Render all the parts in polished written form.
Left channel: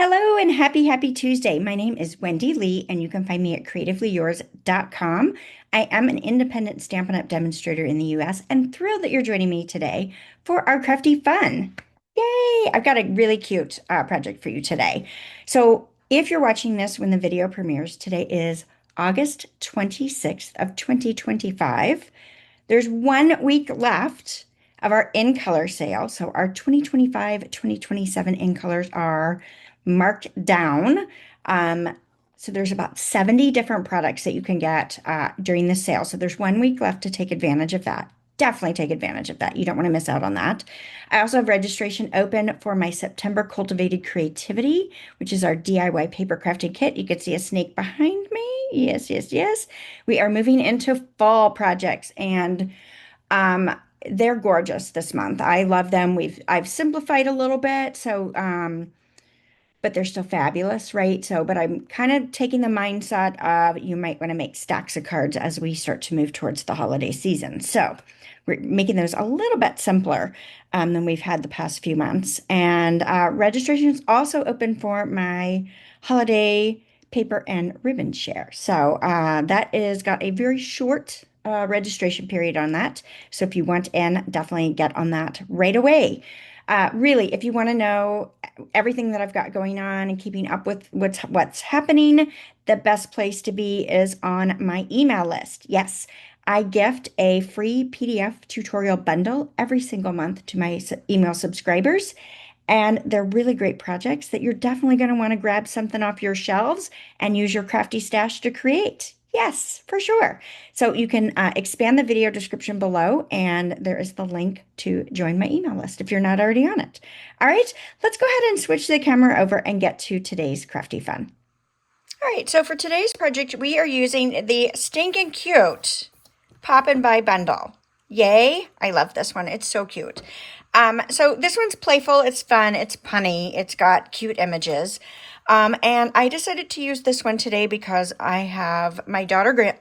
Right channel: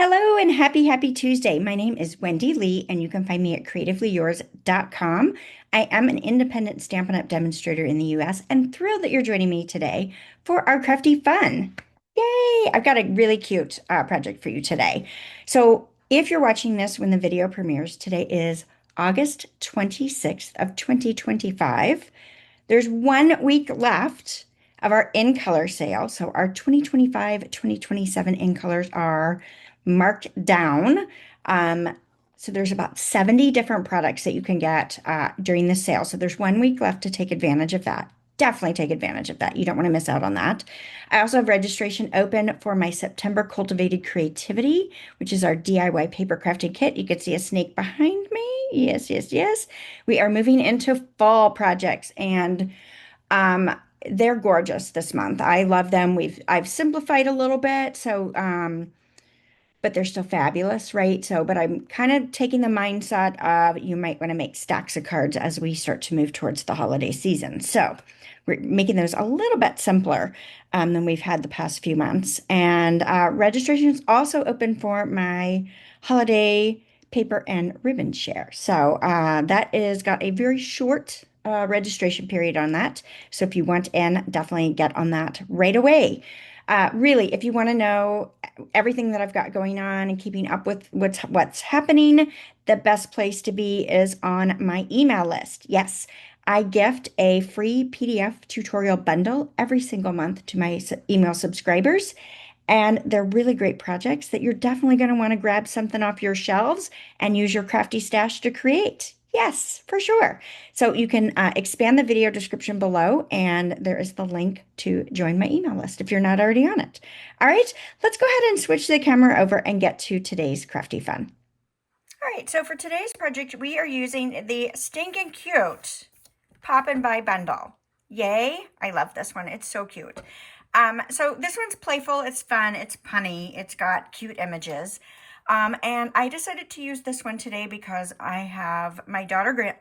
Hello and happy Tuesday. My name is Wendy Lee, and you can find me at creativeleeyours.com. I am an independent Stampin' Up! Demonstrator in the US and thrilled that you're joining me today for our crafty fun. Yay! I've got a really cute project for you today. So if you're watching this when the video premieres, today is August 26th of 2025. There's 1 week left of our in color sale. So our 2025-2027 in colors are marked down. So there's about 70 different products that you can get during the sale. So there's 1 week left to take advantage of that. Definitely take advantage of that. You don't want to miss out on that. I also have registration open for my September Cultivated Creativity, which is our DIY paper crafting kit. You can see a snake behind me. Yes, yes, yes. We are moving into fall projects, and they're gorgeous this month. I love them. I've simplified a little bit, so but they're still fabulous, right? So, but I'm kind of taking the mindset of you might want to make stacks of cards as we start to move towards the holiday season. So we're making those a little bit simpler than we've had the past few months. And registration is also open for my holiday paper and ribbon share. So that is got a very short registration period on that. So if you want in, definitely get on that right away. Really, if you want to know everything that I've got going on and keeping up with what's happening, the best place to be is on my email list. Yes, I gift a free PDF tutorial bundle every single month to my email subscribers. And they're really great projects that you're definitely going to want to grab something off your shelves and use your crafty stash to create. Yes, for sure. So you can expand the video description below, and there is the link to join my email list if you're not already on it. All right, let's go ahead and switch the camera over and get to today's crafty fun. All right, so for today's project, we are using the Stinkin' Cute Pop and Buy bundle. Yay, I love this one. It's so cute. So this one's playful, it's fun, it's punny, it's got cute images. And I decided to use this one today because I have my granddaughter,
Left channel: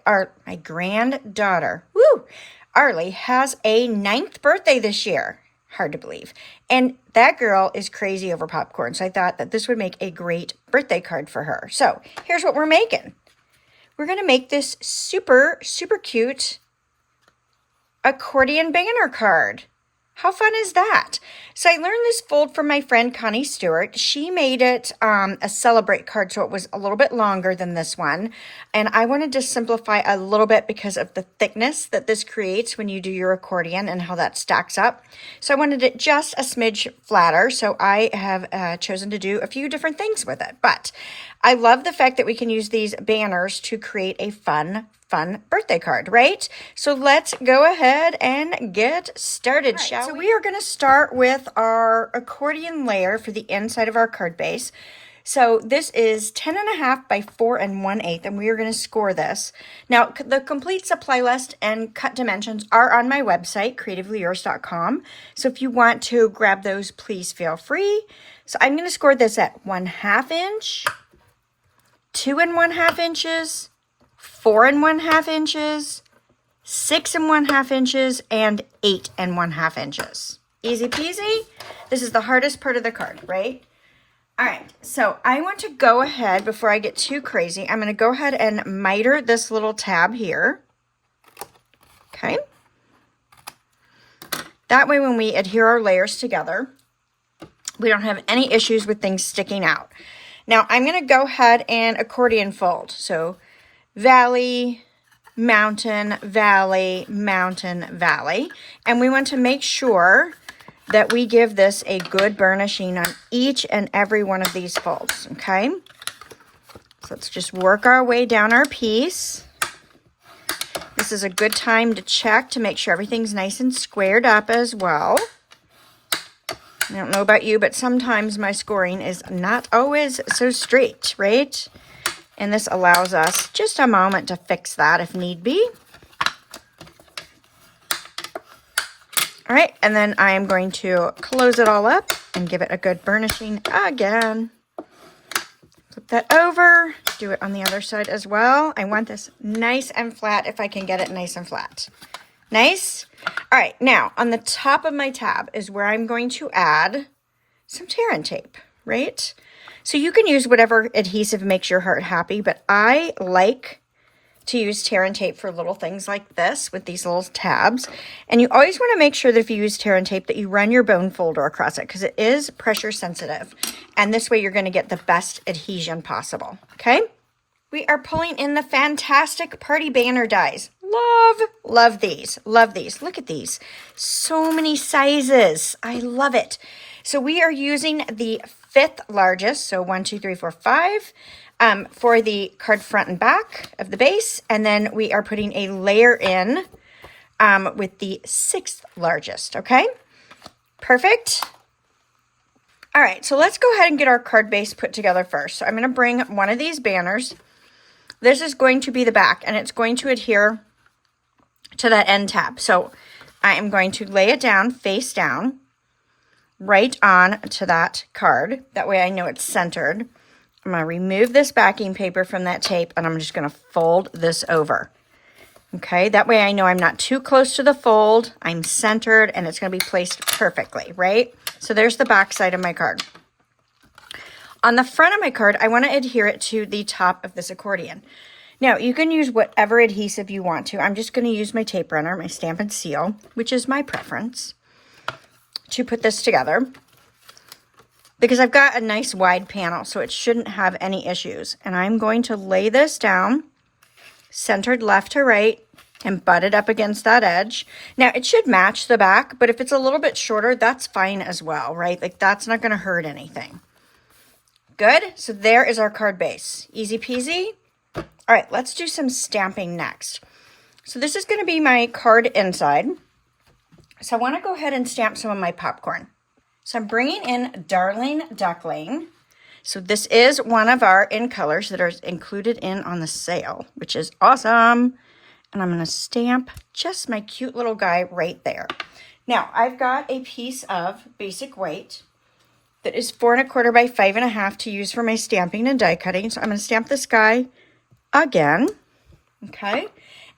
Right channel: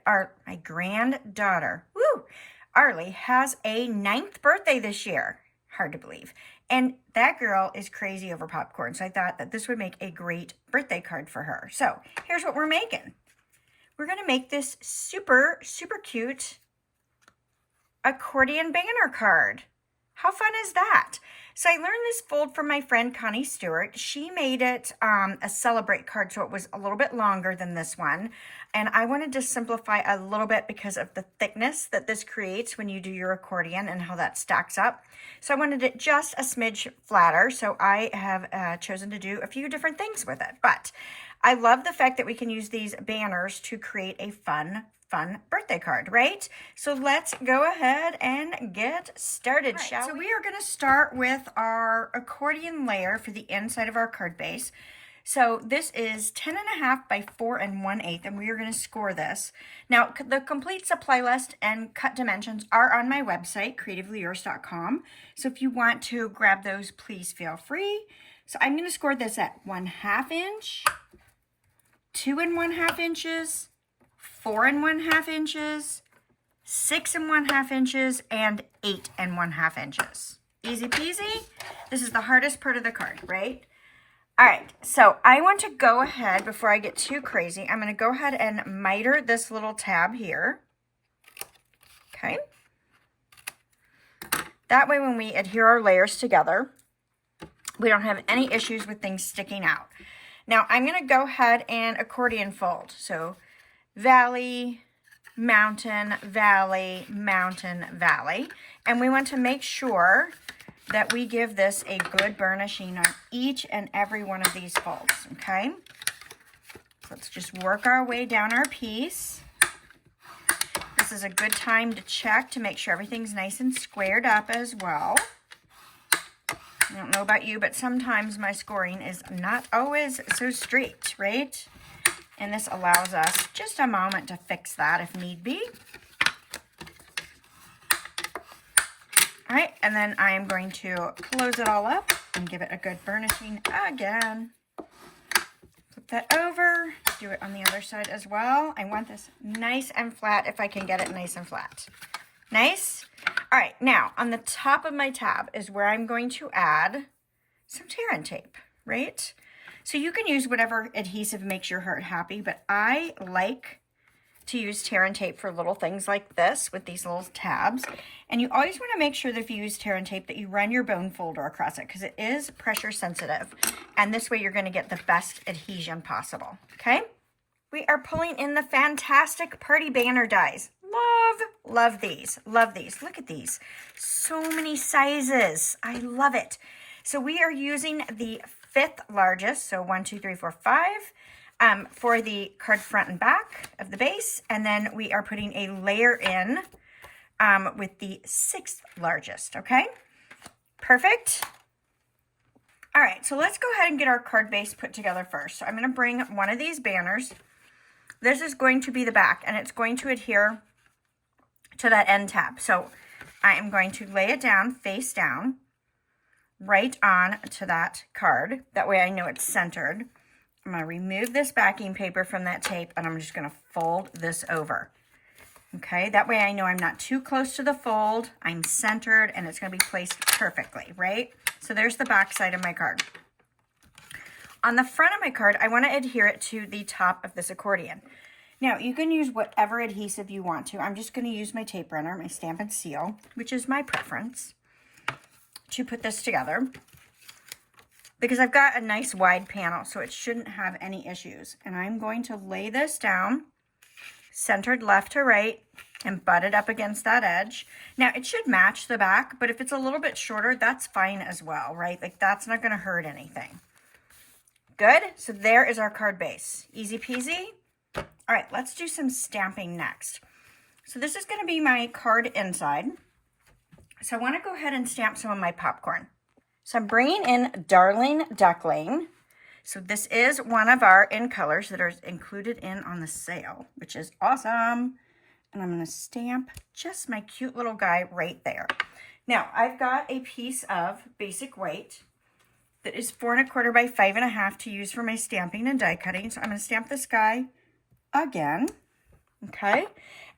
Arlie, has a 9th birthday this year. Hard to believe. And that girl is crazy over popcorn. So I thought that this would make a great birthday card for her. So here's what we're making. We're going to make this super, super cute accordion banner card. How fun is that? So I learned this fold from my friend Connie Stewart. She made it a celebrate card, so it was a little bit longer than this one. And I wanted to simplify a little bit because of the thickness that this creates when you do your accordion and how that stacks up. So I wanted it just a smidge flatter. So I have chosen to do a few different things with it. But I love the fact that we can use these banners to create a fun birthday card, right? So let's go ahead and get started, shall we? So we are going to start with our accordion layer for the inside of our card base. So this is 10.5 by 4 1/8, and we are going to score this. Now, the complete supply list and cut dimensions are on my website, creativeleeyours.com. So if you want to grab those, please feel free. So I'm going to score this at 1/2 inch, 2 1/2 inches, 4 1/2 inches, 6 1/2 inches, and 8 1/2 inches. Easy peasy. This is the hardest part of the card, right? All right, so I want to go ahead, before I get too crazy, I'm going to go ahead and miter this little tab here. Okay. That way when we adhere our layers together, we don't have any issues with things sticking out. Now I'm going to go ahead and accordion fold. So valley, mountain, valley, mountain, valley. And we want to make sure that we give this a good burnishing on each and every one of these folds, okay? So let's just work our way down our piece. This is a good time to check to make sure everything's nice and squared up as well. I don't know about you, but sometimes my scoring is not always so straight, right? And this allows us just a moment to fix that if need be. All right, and then I am going to close it all up and give it a good burnishing again. Flip that over, do it on the other side as well. I want this nice and flat if I can get it nice and flat. Nice. All right, now on the top of my tab is where I'm going to add some tear and tape, right? So you can use whatever adhesive makes your heart happy, but I like to use tear and tape for little things like this with these little tabs. And you always want to make sure that if you use tear and tape that you run your bone folder across it because it is pressure sensitive. And this way you're going to get the best adhesion possible. Okay. We are pulling in the fantastic party banner dies. Love these. Love these. Look at these. So many sizes. I love it. So we are using the 5th largest. So 1, 2, 3, 4, 5 for the card front and back of the base. And then we are putting a layer in with the 6th largest. Okay. Perfect. All right. So let's go ahead and get our card base put together first. So I'm going to bring one of these banners. This is going to be the back and it's going to adhere to that end tab. So I am going to lay it down, face down, right on to that card. That way I know it's centered. I'm going to remove this backing paper from that tape and I'm just going to fold this over. Okay, that way I know I'm not too close to the fold. I'm centered and it's going to be placed perfectly, right? So there's the back side of my card. On the front of my card, I want to adhere it to the top of this accordion. Now, you can use whatever adhesive you want to. I'm just going to use my tape runner, my Stampin' Seal, which is my preference, to put this together. Because I've got a nice wide panel, so it shouldn't have any issues. And I'm going to lay this down, centered left to right, and butt it up against that edge. Now, it should match the back, but if it's a little bit shorter, that's fine as well, right? Like, that's not going to hurt anything. Good. So there is our card base. Easy peasy. All right, let's do some stamping next. So this is going to be my card inside. So I want to go ahead and stamp some of my popcorn. So I'm bringing in Darling Duckling. So this is one of our in colors that are included in on the sale, which is awesome. And I'm going to stamp just my cute little guy right there. Now I've got a piece of basic weight that is 4 1/4 by 5 1/2 to use for my stamping and die cutting. So I'm going to stamp this guy again. Okay.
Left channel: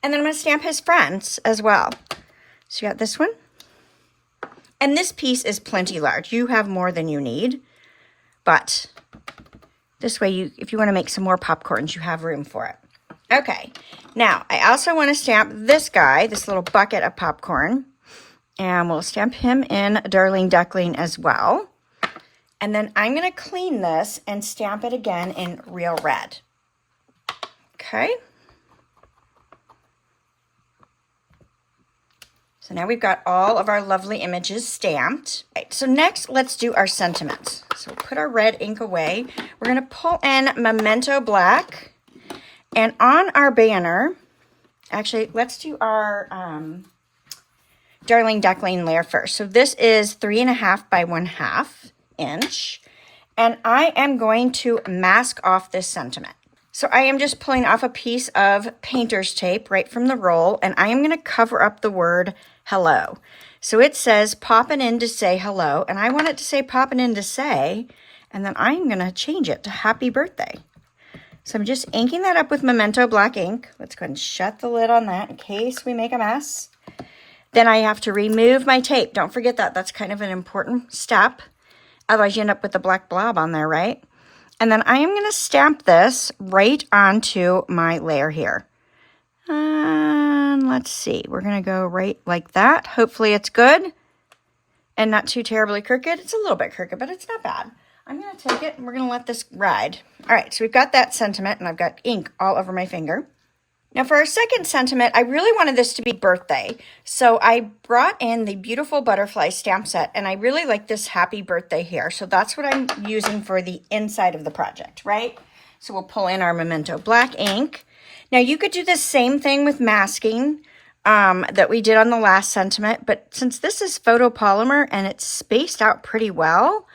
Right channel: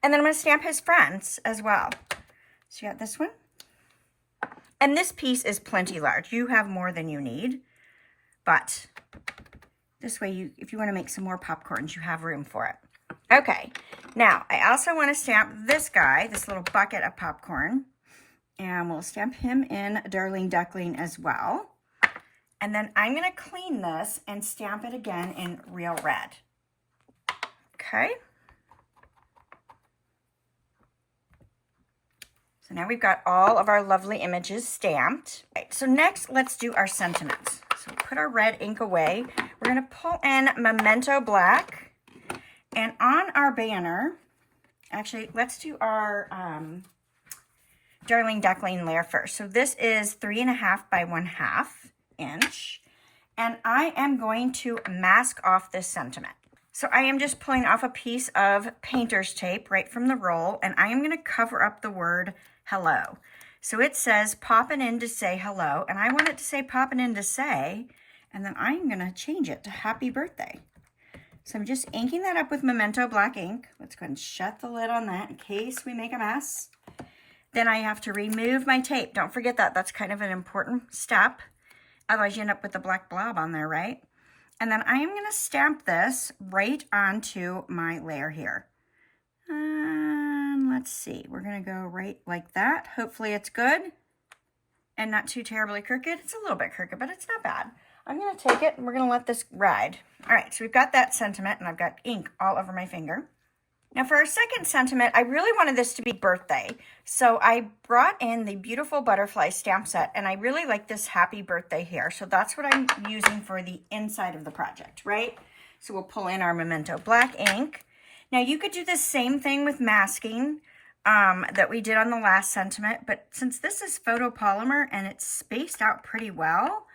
And then I'm going to stamp his friends as well. So you got this one. And this piece is plenty large. You have more than you need. But this way, if you want to make some more popcorns, you have room for it. Okay. Now, I also want to stamp this guy, this little bucket of popcorn. And we'll stamp him in Darling Duckling as well. And then I'm going to clean this and stamp it again in real red. Okay. So now we've got all of our lovely images stamped. Right, so next, let's do our sentiments. So put our red ink away. We're going to pull in Memento Black. And on our banner, actually, let's do our Darling Duckling layer first. So this is 3 1/2 by 1/2 inch. And I am going to mask off this sentiment. So I am just pulling off a piece of painter's tape right from the roll, and I am going to cover up the word hello. So it says popping in to say hello, and I want it to say popping in to say, and then I'm going to change it to happy birthday. So I'm just inking that up with Memento Black ink. Let's go ahead and shut the lid on that in case we make a mess. Then I have to remove my tape. Don't forget that. That's kind of an important step. Otherwise, you end up with a black blob on there, right? And then I am going to stamp this right onto my layer here. And let's see. We're going to go right like that. Hopefully it's good and not too terribly crooked. It's a little bit crooked, but it's not bad. I'm going to take it and we're going to let this ride. All right, so we've got that sentiment, and I've got ink all over my finger. Now for our second sentiment, I really wanted this to be birthday. So I brought in the beautiful butterfly stamp set, and I really like this happy birthday here. So that's what I'm using for the inside of the project, right? So we'll pull in our Memento Black ink. Now you could do the same thing with masking that we did on the last sentiment, but since this is photopolymer and it's spaced out pretty well,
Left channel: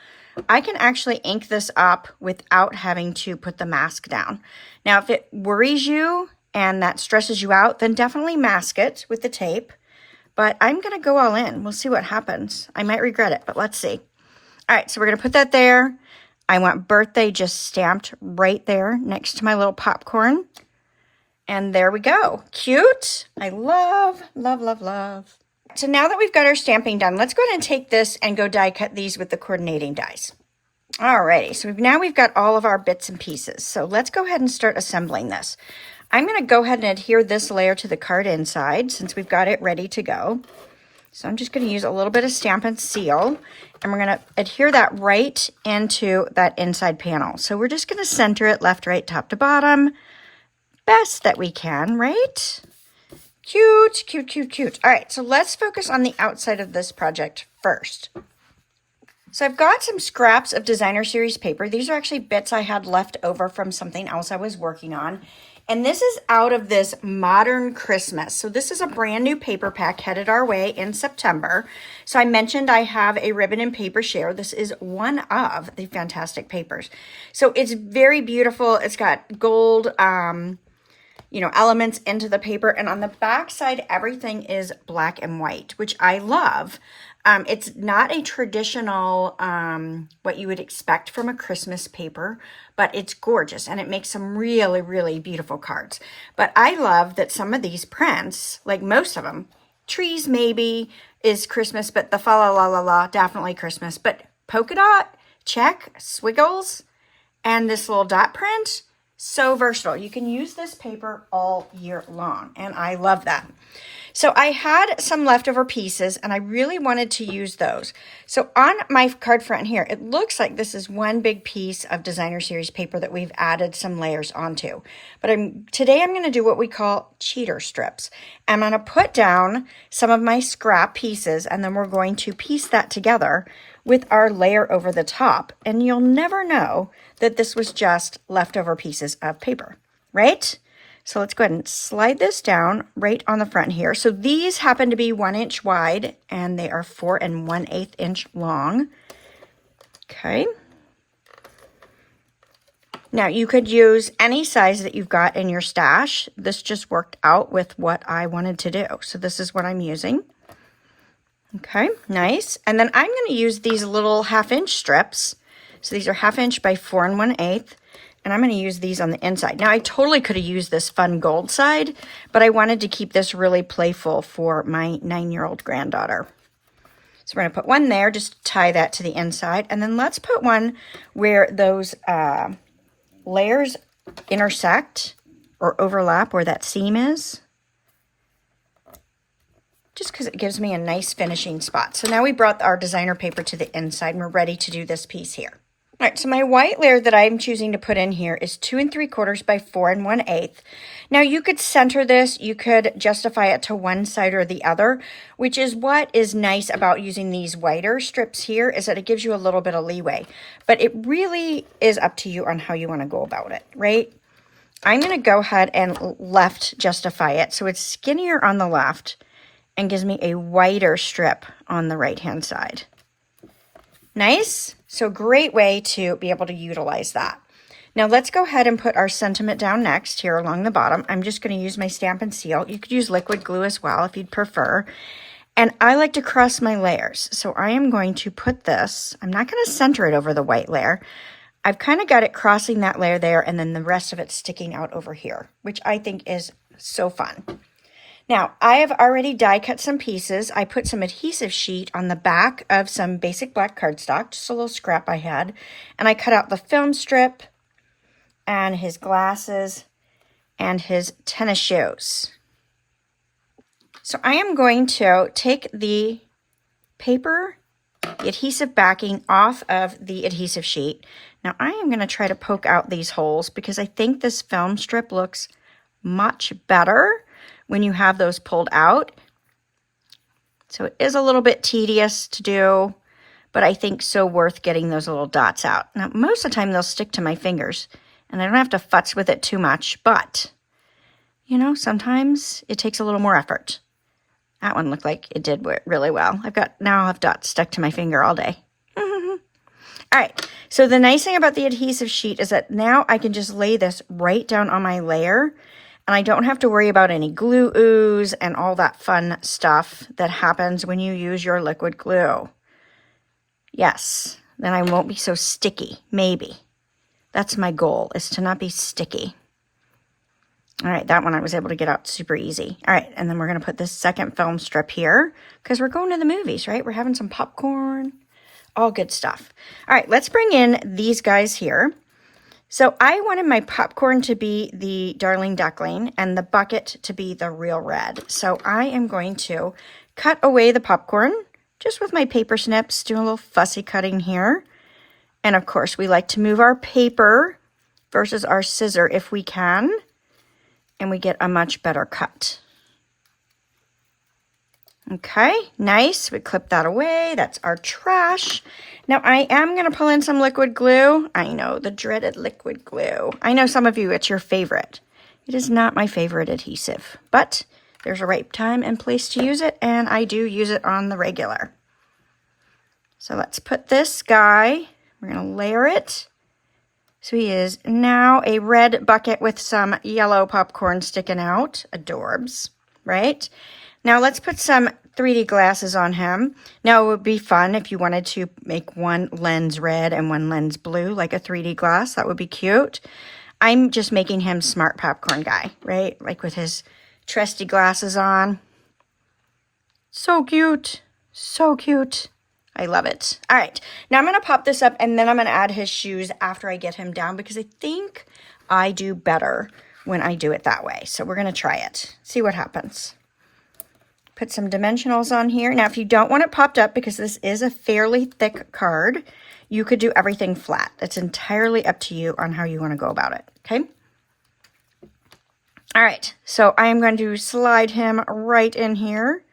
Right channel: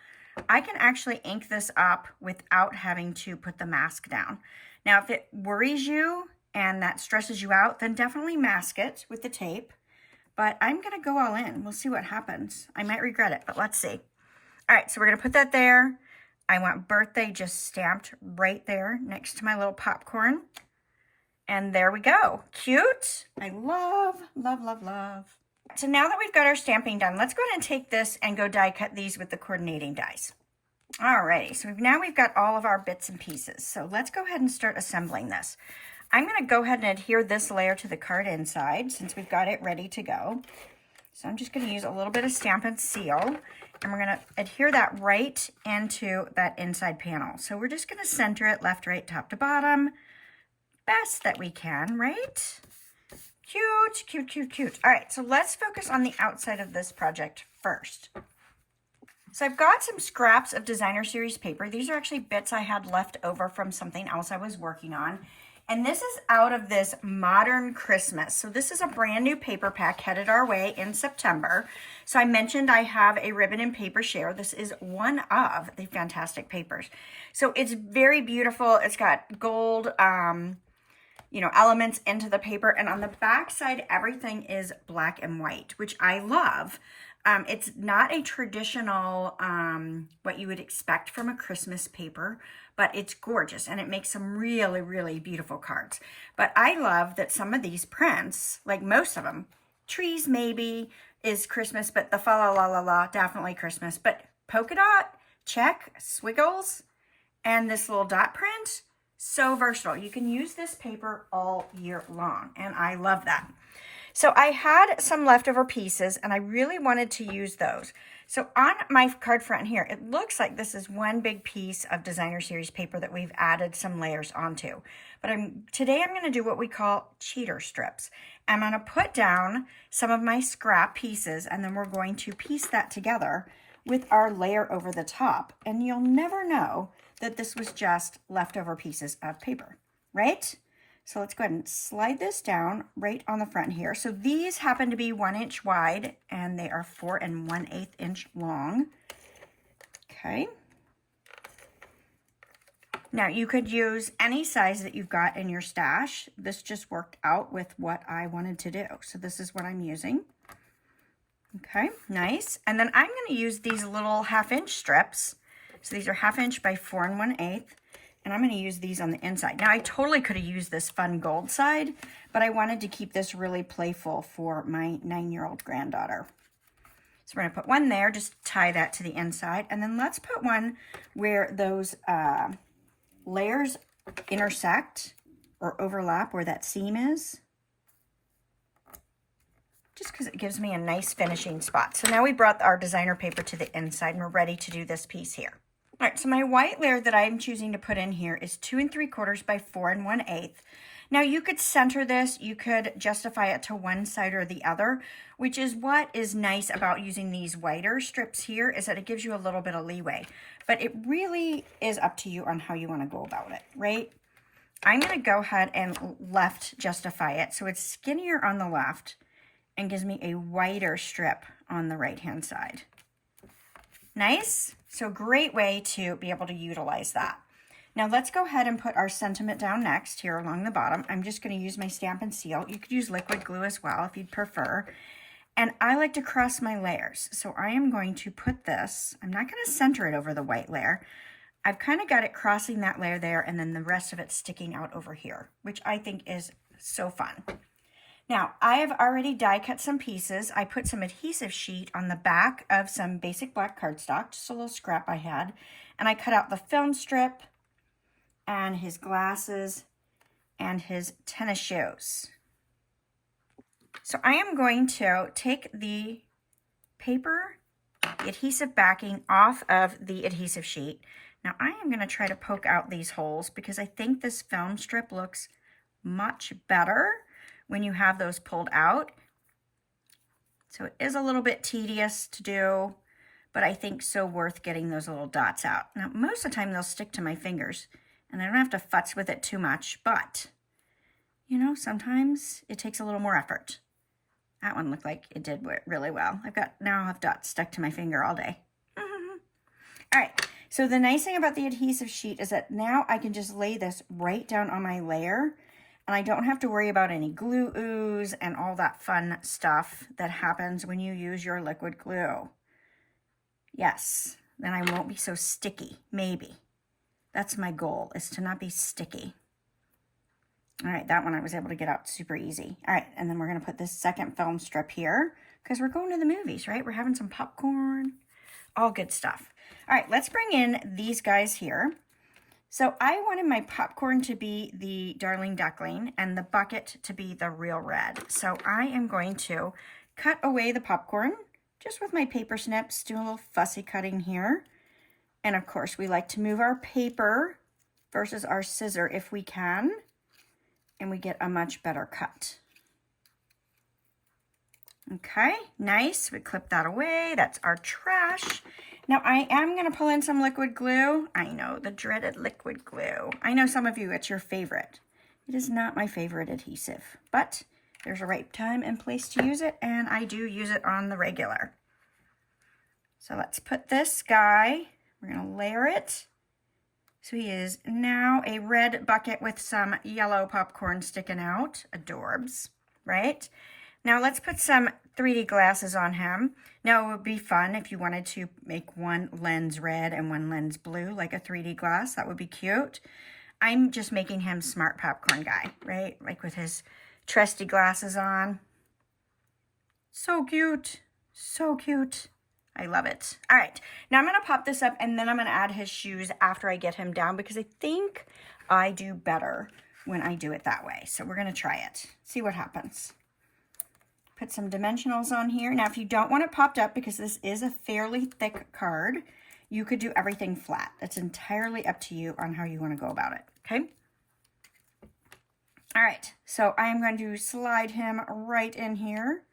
I can actually ink this up without having to put the mask down. Now if it worries you and that stresses you out, then definitely mask it with the tape. But I'm going to go all in. We'll see what happens. I might regret it, but let's see. All right, so we're going to put that there. I want birthday just stamped right there next to my little popcorn. And there we go. Cute. I love, love, love, love. So now that we've got our stamping done, let's go ahead and take this and go die cut these with the coordinating dies. Alrighty, so now we've got all of our bits and pieces. So let's go ahead and start assembling this. I'm going to go ahead and adhere this layer to the card inside since we've got it ready to go. So I'm just going to use a little bit of Stampin' Seal, and we're going to adhere that right into that inside panel. So we're just going to center it left, right, top to bottom, best that we can, right? Cute, cute, cute, cute. All right, so let's focus on the outside of this project first. So I've got some scraps of designer series paper. These are actually bits I had left over from something else I was working on. And this is out of this Modern Christmas. So this is a brand new paper pack headed our way in September. So I mentioned I have a ribbon and paper share. This is one of the fantastic papers. So it's very beautiful. It's got gold, elements into the paper. And on the back side, everything is black and white, which I love. It's not a traditional, what you would expect from a Christmas paper, but it's gorgeous and it makes some really, really beautiful cards. But I love that some of these prints, like most of them, trees maybe is Christmas, but the fa la la la la, definitely Christmas. But polka dot, check, squiggles, and this little dot print, so versatile. You can use this paper all year long, and I love that. So I had some leftover pieces and I really wanted to use those. So on my card front here, it looks like this is one big piece of designer series paper that we've added some layers onto. But today I'm going to do what we call cheater strips. I'm going to put down some of my scrap pieces and then we're going to piece that together with our layer over the top. And you'll never know that this was just leftover pieces of paper, right? So let's go ahead and slide this down right on the front here. So these happen to be 1 inch wide and they are 4 1/8 inch long. Okay. Now you could use any size that you've got in your stash. This just worked out with what I wanted to do. So this is what I'm using. Okay, nice. And then I'm going to use these little 1/2 inch strips. So these are 1/2 inch by 4 1/8. And I'm going to use these on the inside. Now, I totally could have used this fun gold side, but I wanted to keep this really playful for my 9-year-old granddaughter. So we're going to put one there, just tie that to the inside. And then let's put one where those layers intersect or overlap where that seam is. Just because it gives me a nice finishing spot. So now we brought our designer paper to the inside and we're ready to do this piece here. All right, so my white layer that I'm choosing to put in here is 2 3/4 by 4 1/8. Now you could center this, you could justify it to one side or the other, which is what is nice about using these whiter strips here is that it gives you a little bit of leeway. But it really is up to you on how you want to go about it, right? I'm going to go ahead and left justify it so it's skinnier on the left and gives me a wider strip on the right-hand side. Nice. So great way to be able to utilize that. Now let's go ahead and put our sentiment down next here along the bottom. I'm just going to use my Stampin' Seal. You could use liquid glue as well if you'd prefer. And I like to cross my layers. So I am going to put this, I'm not going to center it over the white layer. I've kind of got it crossing that layer there and then the rest of it sticking out over here, which I think is so fun. Now, I have already die cut some pieces. I put some adhesive sheet on the back of some basic black cardstock, just a little scrap I had. And I cut out the film strip and his glasses and his tennis shoes. So I am going to take the paper, the adhesive backing off of the adhesive sheet. Now I am going to try to poke out these holes because I think this film strip looks much better when you have those pulled out. So it is a little bit tedious to do, but I think so worth getting those little dots out. Now, most of the time they'll stick to my fingers and I don't have to futz with it too much, but you know, sometimes it takes a little more effort. That one looked like it did really well. Now I'll have dots stuck to my finger all day. All right, so the nice thing about the adhesive sheet is that now I can just lay this right down on my layer and I don't have to worry about any glue ooze and all that fun stuff that happens when you use your liquid glue. Yes, then I won't be so sticky, maybe. That's my goal, is to not be sticky. All right, that one I was able to get out super easy. All right, and then we're going to put this second film strip here because we're going to the movies, right? We're having some popcorn. all good stuff. All right, let's bring in these guys here. So I wanted my popcorn to be the Darling Duckling and the bucket to be the Real Red. So I am going to cut away the popcorn just with my paper snips, do a little fussy cutting here. And of course, we like to move our paper versus our scissor if we can, and we get a much better cut. Okay, nice. We clip that away. That's our trash. Now I am going to pull in some liquid glue. I know, the dreaded liquid glue. I know some of you, it's your favorite. It is not my favorite adhesive, but there's a right time and place to use it, and I do use it on the regular. So let's put this guy, we're going to layer it. So he is now a red bucket with some yellow popcorn sticking out. Adorbs, right? Now let's put some 3D glasses on him. Now it would be fun if you wanted to make one lens red and one lens blue, like a 3D glass. That would be cute. I'm just making him smart popcorn guy, right? Like with his trusty glasses on. So cute. So cute. I love it. All right, now I'm going to pop this up and then I'm going to add his shoes after I get him down because I think I do better when I do it that way. So we're going to try it, see what happens. Put some dimensionals on here. Now, if you don't want it popped up because this is a fairly thick card, you could do everything flat. It's entirely up to you on how you want to go about it, okay? All right, so I am going to slide him right in here.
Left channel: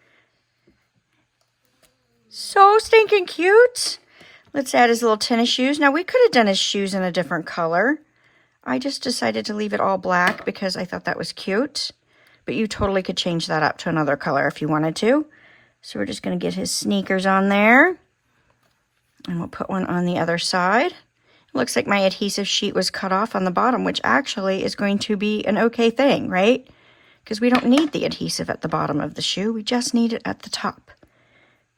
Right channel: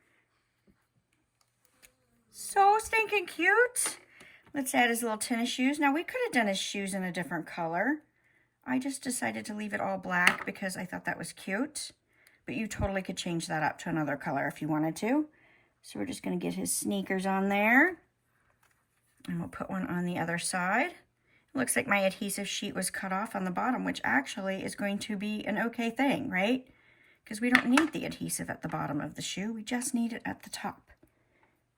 So stinking cute. Let's add his little tennis shoes. Now, we could have done his shoes in a different color. I just decided to leave it all black because I thought that was cute. But you totally could change that up to another color if you wanted to. So we're just going to get his sneakers on there. And we'll put one on the other side. It looks like my adhesive sheet was cut off on the bottom, which actually is going to be an okay thing, right? Because we don't need the adhesive at the bottom of the shoe. We just need it at the top.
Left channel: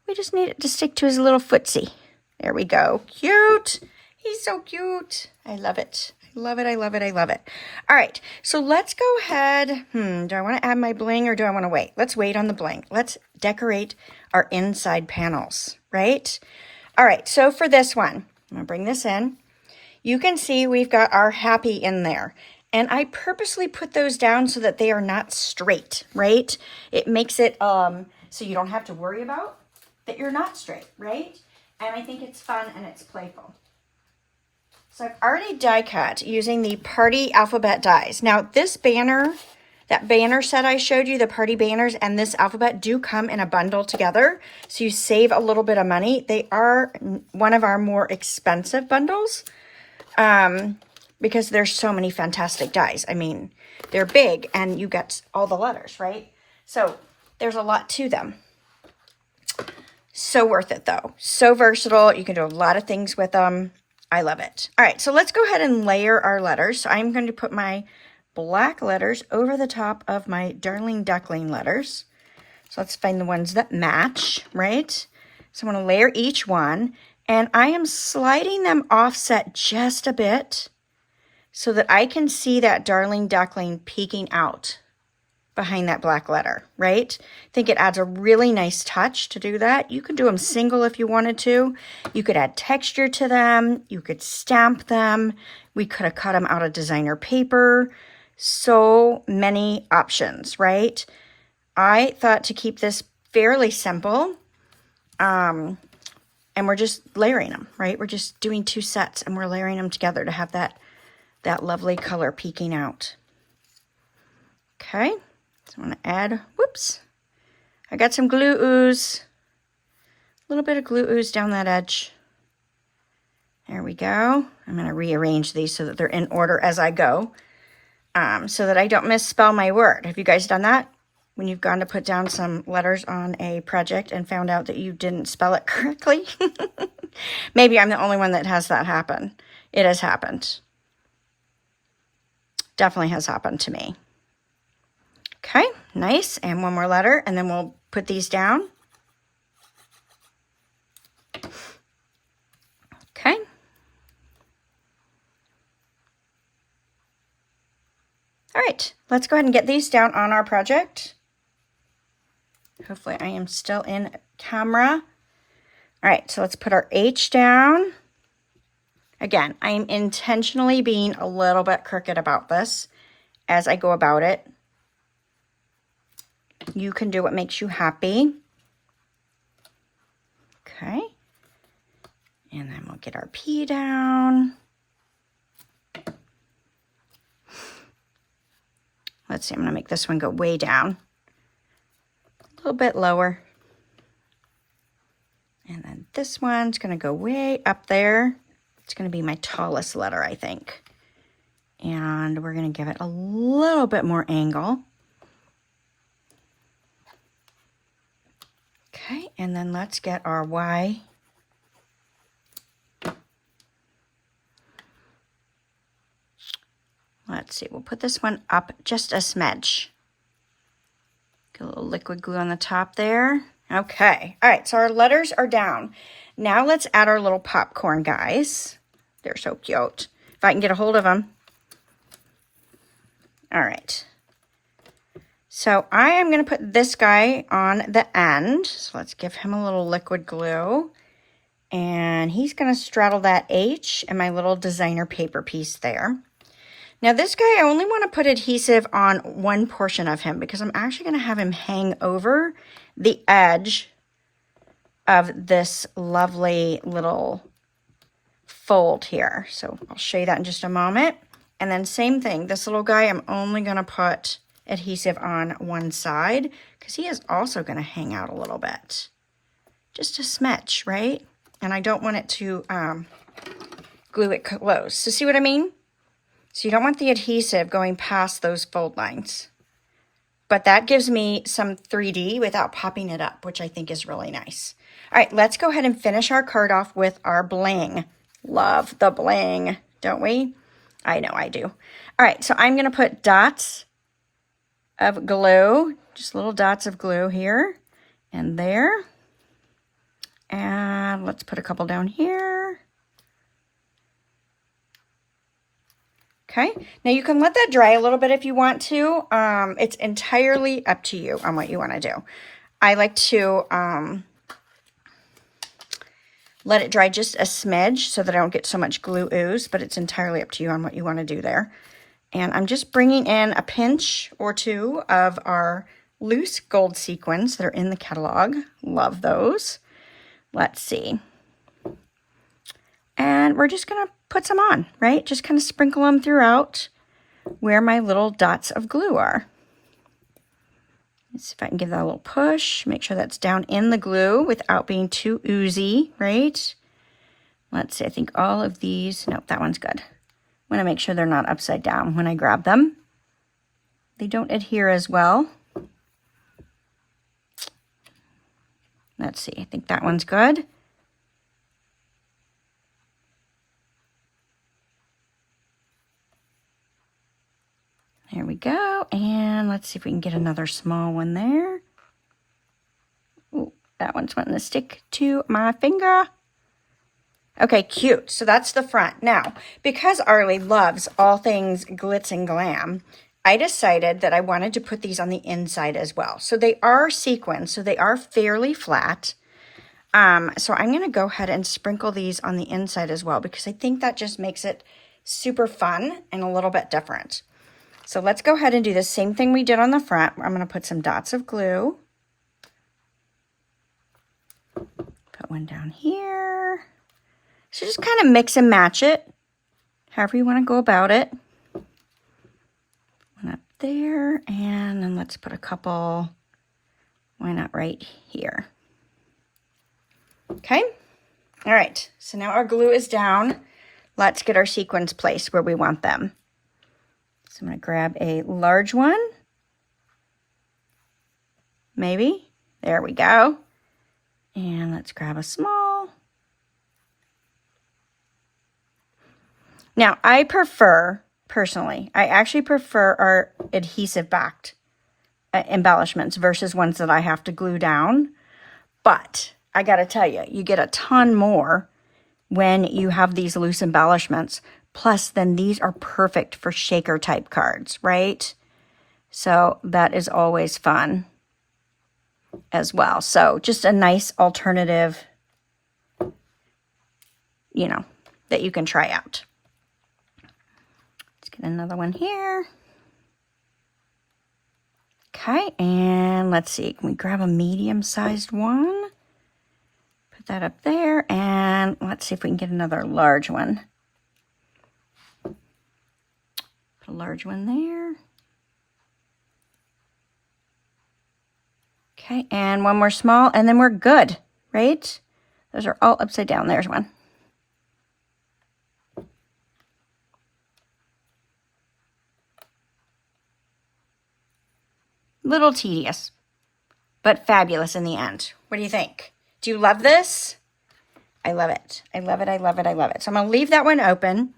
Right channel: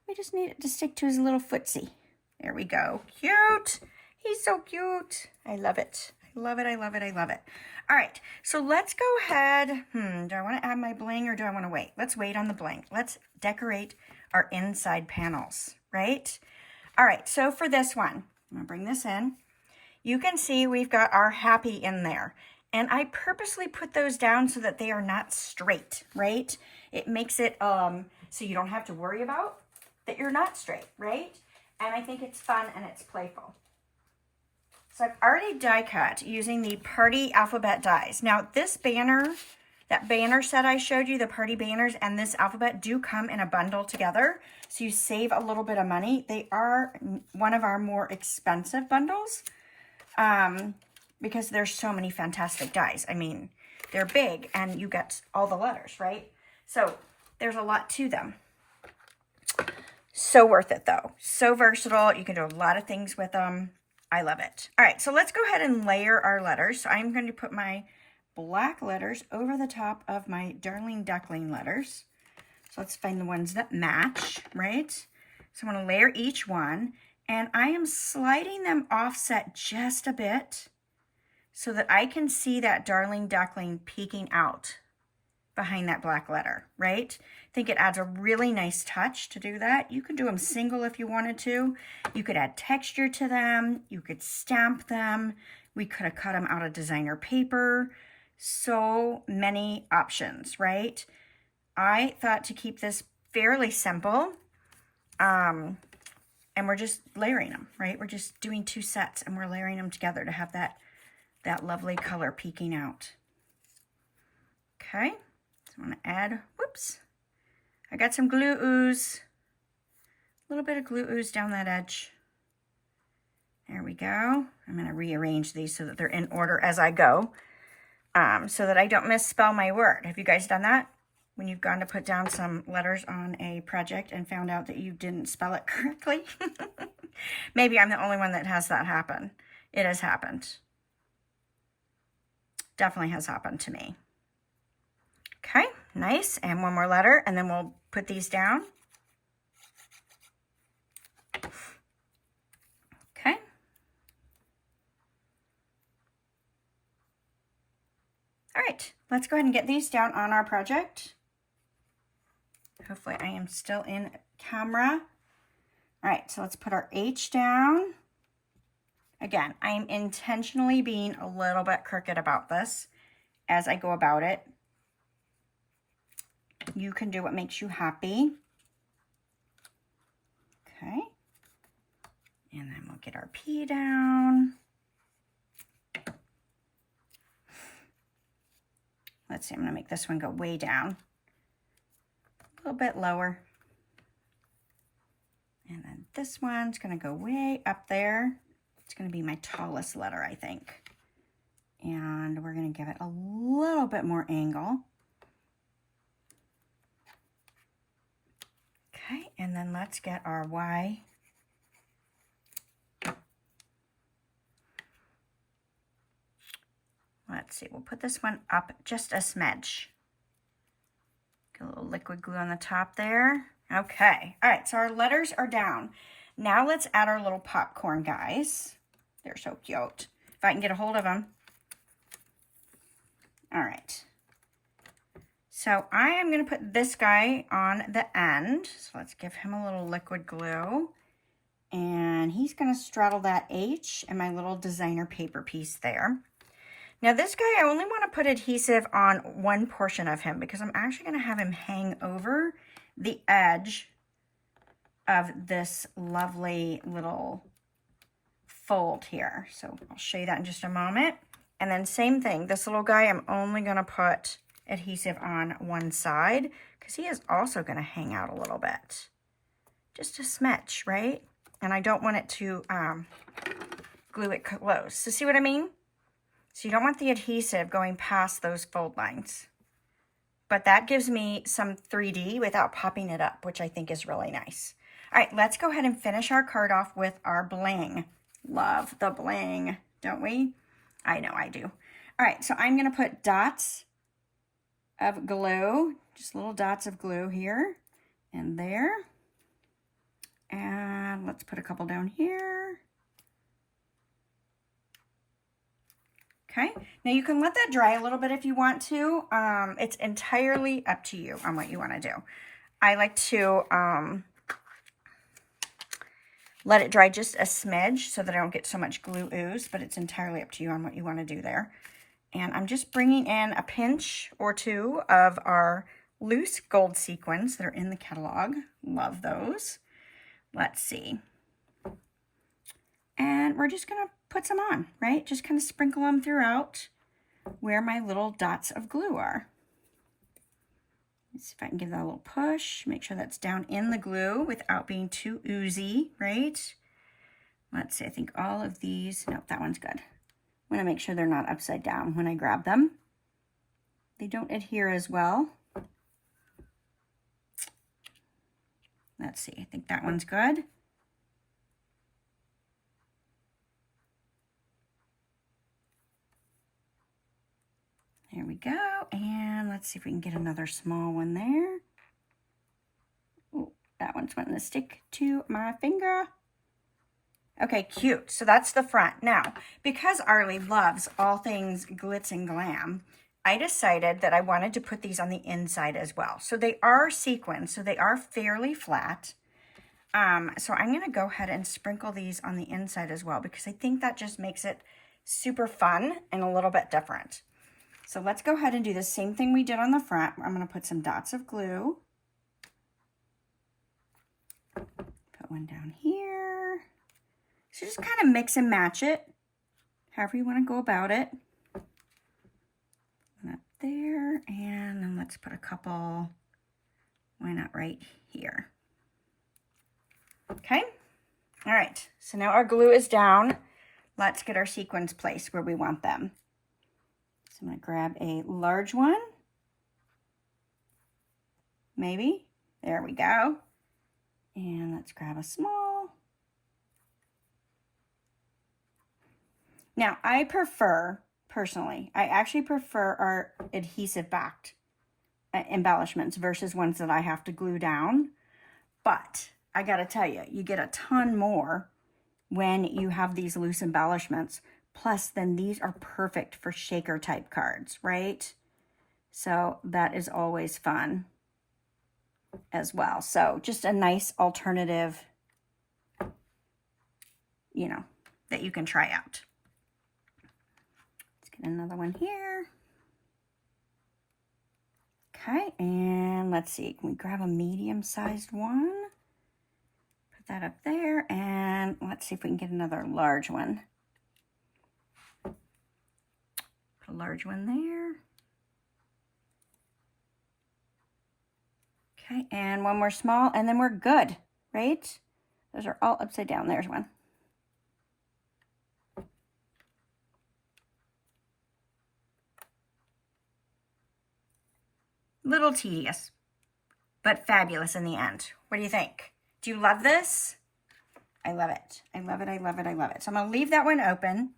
We just need it to stick to his little footsie. There we go. Cute. He's so cute. I love it. I love it. I love it. I love it. All right. So let's go ahead. Do I want to add my bling or do I want to wait? Let's wait on the bling. Let's decorate our inside panels, right? All right. So for this one, I'm going to bring this in. You can see we've got our happy in there. And I purposely put those down so that they are not straight, right? It makes it so you don't have to worry about that you're not straight, right? And I think it's fun and it's playful. So I've already die cut using the party alphabet dies. Now this banner, that banner set I showed you, the party banners and this alphabet do come in a bundle together. So you save a little bit of money. They are one of our more expensive bundles because there's so many fantastic dies. I mean, they're big and you get all the letters, right? So there's a lot to them. So worth it though. So versatile. You can do a lot of things with them. I love it. All right, so let's go ahead and layer our letters. So I'm going to put my black letters over the top of my Darling Duckling letters. So let's find the ones that match, right? So I'm going to layer each one, and I am sliding them offset just a bit so that I can see that Darling Duckling peeking out behind that black letter, right? I think it adds a really nice touch to do that. You could do them single if you wanted to. You could add texture to them. You could stamp them. We could have cut them out of designer paper. So many options, right? I thought to keep this fairly simple. And we're just layering them, right? We're just doing 2 sets and we're layering them together to have that lovely color peeking out. Okay. So I'm going to add, whoops, I got some glue ooze, a little bit of glue ooze down that edge. There we go. I'm going to rearrange these so that they're in order as I go, so that I don't misspell my word. Have you guys done that? When you've gone to put down some letters on a project and found out that you didn't spell it correctly? Maybe I'm the only one that has that happen. It has happened. Definitely has happened to me. Okay, nice. And one more letter, and then we'll put these down. Okay. All right, let's go ahead and get these down on our project. Hopefully I am still in camera. All right, so let's put our H down. Again, I'm intentionally being a little bit crooked about this as I go about it. You can do what makes you happy. Okay. And then we'll get our P down. Let's see, I'm going to make this one go way down. A little bit lower. And then this one's going to go way up there. It's going to be my tallest letter, I think. And we're going to give it a little bit more angle. Okay, and then let's get our Y. Let's see, we'll put this one up just a smidge. Get a little liquid glue on the top there. Okay, all right, so our letters are down. Now let's add our little popcorn guys. They're so cute. If I can get a hold of them. All right. So I am going to put this guy on the end. So let's give him a little liquid glue. And he's going to straddle that H and my little designer paper piece there. Now this guy, I only want to put adhesive on one portion of him because I'm actually going to have him hang over the edge of this lovely little fold here. So I'll show you that in just a moment. And then same thing, this little guy, I'm only going to put adhesive on one side because he is also going to hang out a little bit. Just a smidge, right? And I don't want it to glue it close. So see what I mean? So you don't want the adhesive going past those fold lines. But that gives me some 3D without popping it up, which I think is really nice. All right, let's go ahead and finish our card off with our bling. Love the bling, don't we? I know I do. All right, so I'm going to put dots of glue, just little dots of glue here and there. And let's put a couple down here. Okay, now you can let that dry a little bit if you want to. It's entirely up to you on what you want to do. I like to let it dry just a smidge so that I don't get so much glue ooze, but it's entirely up to you on what you want to do there. And I'm just bringing in a pinch or two of our loose gold sequins that are in the catalog. Love those. Let's see. And we're just going to put some on, right? Just kind of sprinkle them throughout where my little dots of glue are. Let's see if I can give that a little push. Make sure that's down in the glue without being too oozy, right? Let's see, I think all of these, nope, that one's good. I want to make sure they're not upside down when I grab them. They don't adhere as well. Let's see, I think that one's good. There we go. And let's see if we can get another small one there. Ooh, that one's wanting to stick to my finger. Okay, cute. So that's the front. Now, because Arlie loves all things glitz and glam, I decided that I wanted to put these on the inside as well. So they are sequins, so they are fairly flat. So I'm going to go ahead and sprinkle these on the inside as well because I think that just makes it super fun and a little bit different. So let's go ahead and do the same thing we did on the front. I'm going to put some dots of glue. Put one down here. So just kind of mix and match it, however you want to go about it. One up there, and then let's put a couple, why not right here. Okay, all right, so now our glue is down. Let's get our sequins placed where we want them. So I'm going to grab a large one, maybe. There we go. And let's grab a small. Now, I prefer, personally, I actually prefer our adhesive-backed embellishments versus ones that I have to glue down. But I got to tell you, you get a ton more when you have these loose embellishments. Plus, then these are perfect for shaker type cards, right? So that is always fun as well. So just a nice alternative you know, that you can try out. Let's get another one here. Okay, and let's see, can we grab a medium-sized one? Put that up there, and let's see if we can get another large one. Put a large one there. Okay, and one more small, and then we're good, right? Those are all upside down. There's one. Little tedious, but fabulous in the end. What do you think? Do you love this? I love it. I love it. I love it. I love it. So I'm going to leave that one open,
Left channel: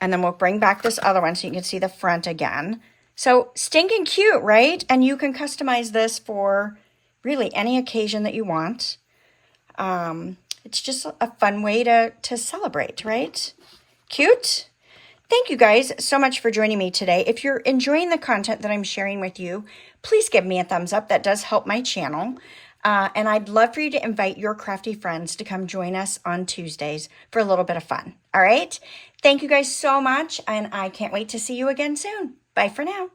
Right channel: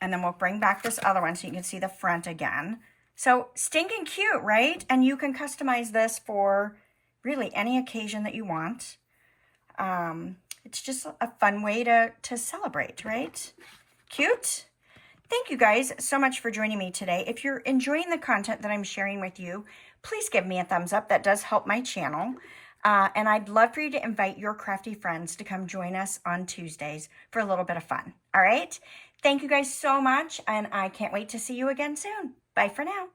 and then we'll bring back this other one so you can see the front again. So stinking cute, right? And you can customize this for really any occasion that you want. It's just a fun way to celebrate, right? Cute. Thank you guys so much for joining me today. If you're enjoying the content that I'm sharing with you, please give me a thumbs up. That does help my channel. And I'd love for you to invite your crafty friends to come join us on Tuesdays for a little bit of fun. All right? Thank you guys so much, and I can't wait to see you again soon. Bye for now.